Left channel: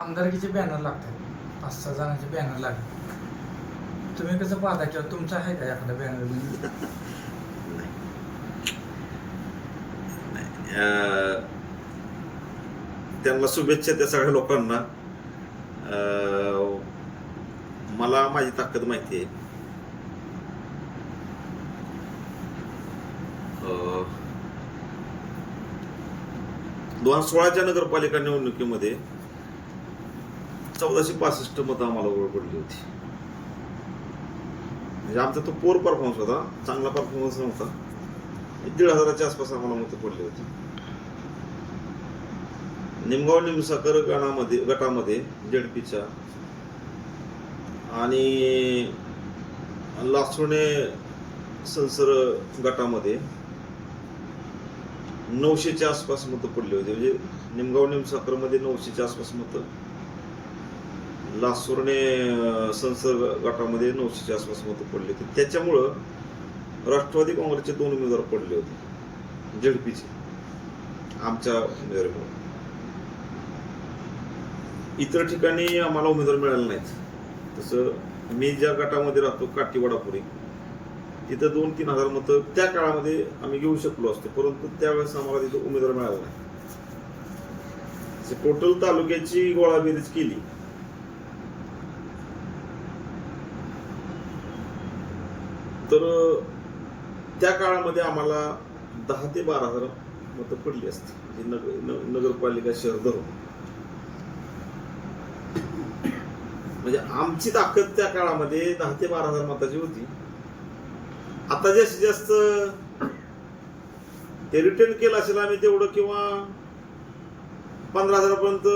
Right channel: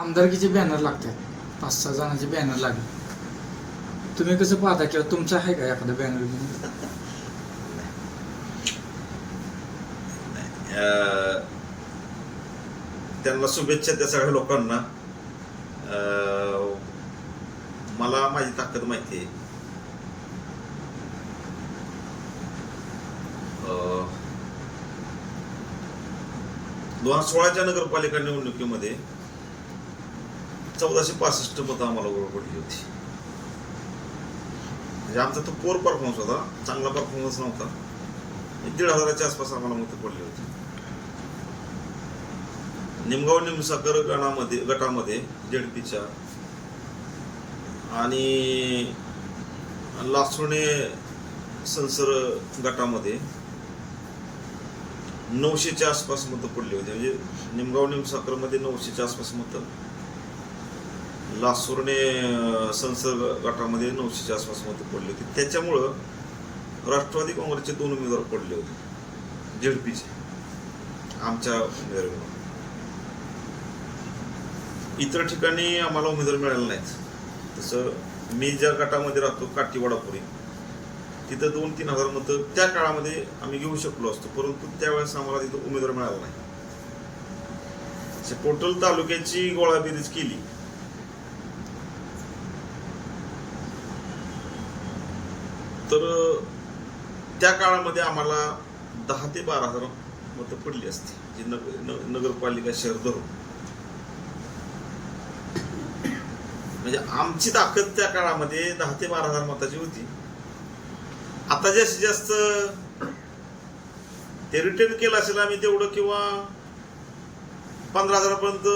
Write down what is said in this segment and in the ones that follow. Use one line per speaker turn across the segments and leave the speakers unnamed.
आमदारकीचे banner लागतात. पाच सहा जणांचे बॅनर लागले तुम्ही कसं पाहता किंवा तुमचं आहे का एखादं बॅनर
त्यांना शुभेच्छा त्या सगळ्या लोकांना. मला माझी ताकद माहिती आहे. दोन हजार सोळाच्या नगरपालिका निवडणुकीमध्ये चौदाशे पासष्ट मतं आम्हाला ओळख पडली होती. म्हणजे आमचा तो पोर परफॉर्मन्स होता चांगला परफॉर्मन्स नव्हता. दीड हजाराच्या आसपास आम्हाला मतं पडली होती. निमगाव निमसाकर गणामध्ये गटामध्ये जेडपीच्या आणि लासुणे संसर गटामध्ये नऊशेच्या आसपास मतं पडली होती. म्हणजे निमगाव निमसाकरमध्ये नऊशेच्या आसपास मतं लासूरने संसर्ग गटामध्ये नऊशेच्या आसपास मतं पडली होती. त्याच्यामुळं राष्ट्रवादी काँग्रेसचे दोन उमेदवार पडले होते. झेडपीचे. आमच्या उमेदवारीमुळे. इतर ठिकाणी आम्हाला उमेदवार मिळाले नाहीत. तसं मी ज्या गटामध्ये राहतो काठीवाडापुरी तिथं दोन तीन हजार मतं त्या काळामध्ये आम्ही घेऊ शकलो असतो. परंतु त्यावेळेस आम्हाला तिथं उमेदवार मिळाला नाही. टोटल तालुक्याची गोळाबेरीज केली. तर त्या काळामध्ये आम्हाला दहा ते बारा हजार मतं पडली असती जी नग न- नगरपालिका शहर धरून. म्हणजे आमची ताकद त्या काळामध्ये दहा ते बारा हजार मताची होती. आता जास्तीत जास्त ते रिटर्न केलं असेल आम्ही तेवढं किंवा पंधरा हजारापर्यंत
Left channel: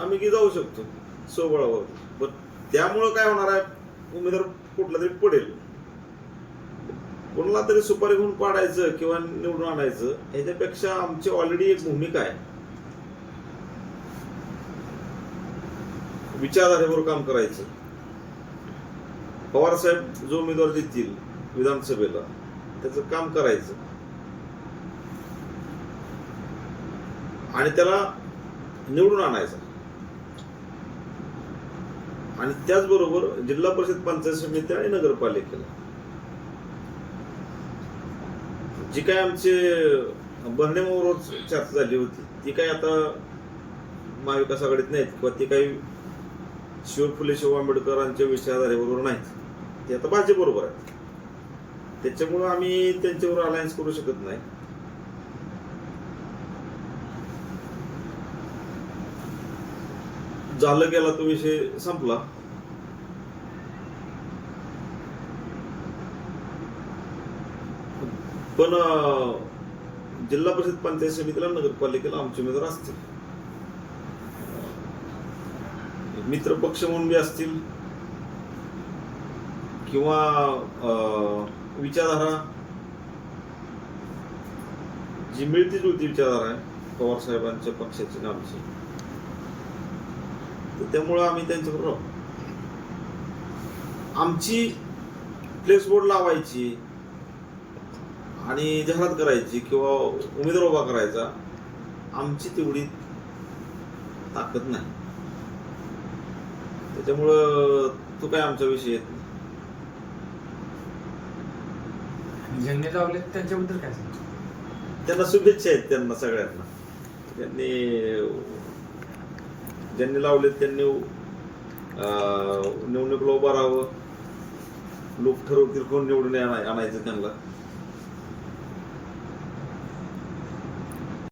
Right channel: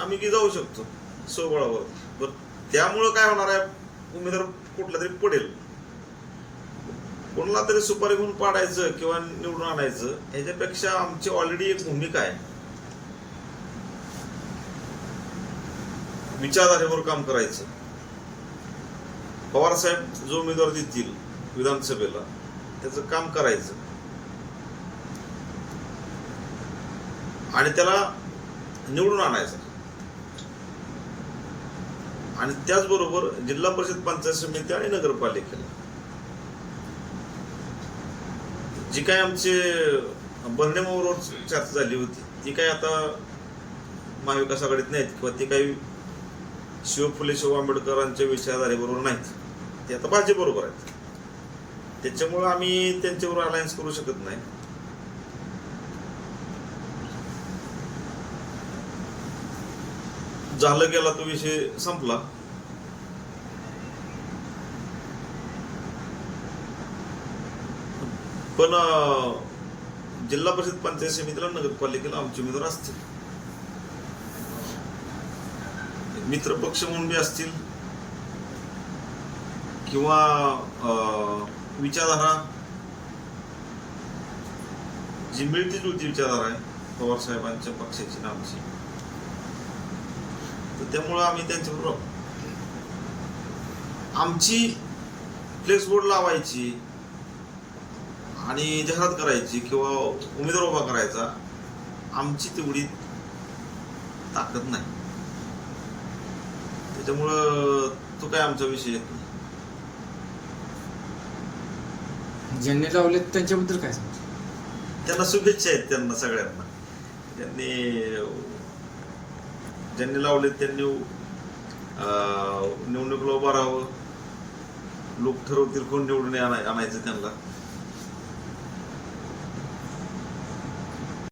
आम्ही की जाऊ शकतो सोबळावरती. बरं त्यामुळं काय होणार आहे उमेदवार कुठला तरी पडेल. कोणाला तरी सुपारी घेऊन पाडायचं किंवा निवडून आणायचं ह्याच्यापेक्षा आमची ऑलरेडी एक भूमिका आहे. विचारधारेवर काम करायचं. पवार साहेब जो उमेदवार देतील विधानसभेला त्याचं काम करायचं. आणि त्याला निवडून आणायचं. आणि त्याचबरोबर जिल्हा परिषद पंचायत समिती आणि नगरपालिकेला. जी काय आमचे बर्णेमावर चर्चा झाली होती ती काय आता महाविकास आघाडीत नाहीत किंवा ती काही शिव फुले शिव आंबेडकरांच्या विचारधारेबरोबर नाहीत. ते आता भाजपबरोबर आहेत. त्याच्यामुळं आम्ही त्यांच्यावर अलायन्स करू शकत नाही. झालं गेला तो विषय संपला. पण जिल्हा परिषद पंचायत समितीला नगरपालिकेला आमचे उमेदवार असतील. मित्र पक्ष म्हणून बी असतील. किंवा अं, विचारधारा. जी मिळती जुळती विचारधारा आहे पवार साहेबांच्या पक्षाची ना आमची. तर त्यामुळं आम्ही त्यांच्याबरोबर आमची फ्लेक्स बोर्ड लावायची. आणि जाहिरात करायची किंवा उमेदवार उभा करायचा आमची तेवढी ताकद नाही. त्याच्यामुळं तो काय आमचा विषय येत नाही.
ज्यांनी लावले त्यांच्याबद्दल काय सांगतो?
त्यांना शुभेच्छा आहेत त्यांना सगळ्यांना. त्यांनी ज्यांनी लावले त्यांनी निवडणुकीला उभं राहावं. लोक ठरवतील कोण निवडून आणा- आणायचं त्यांना.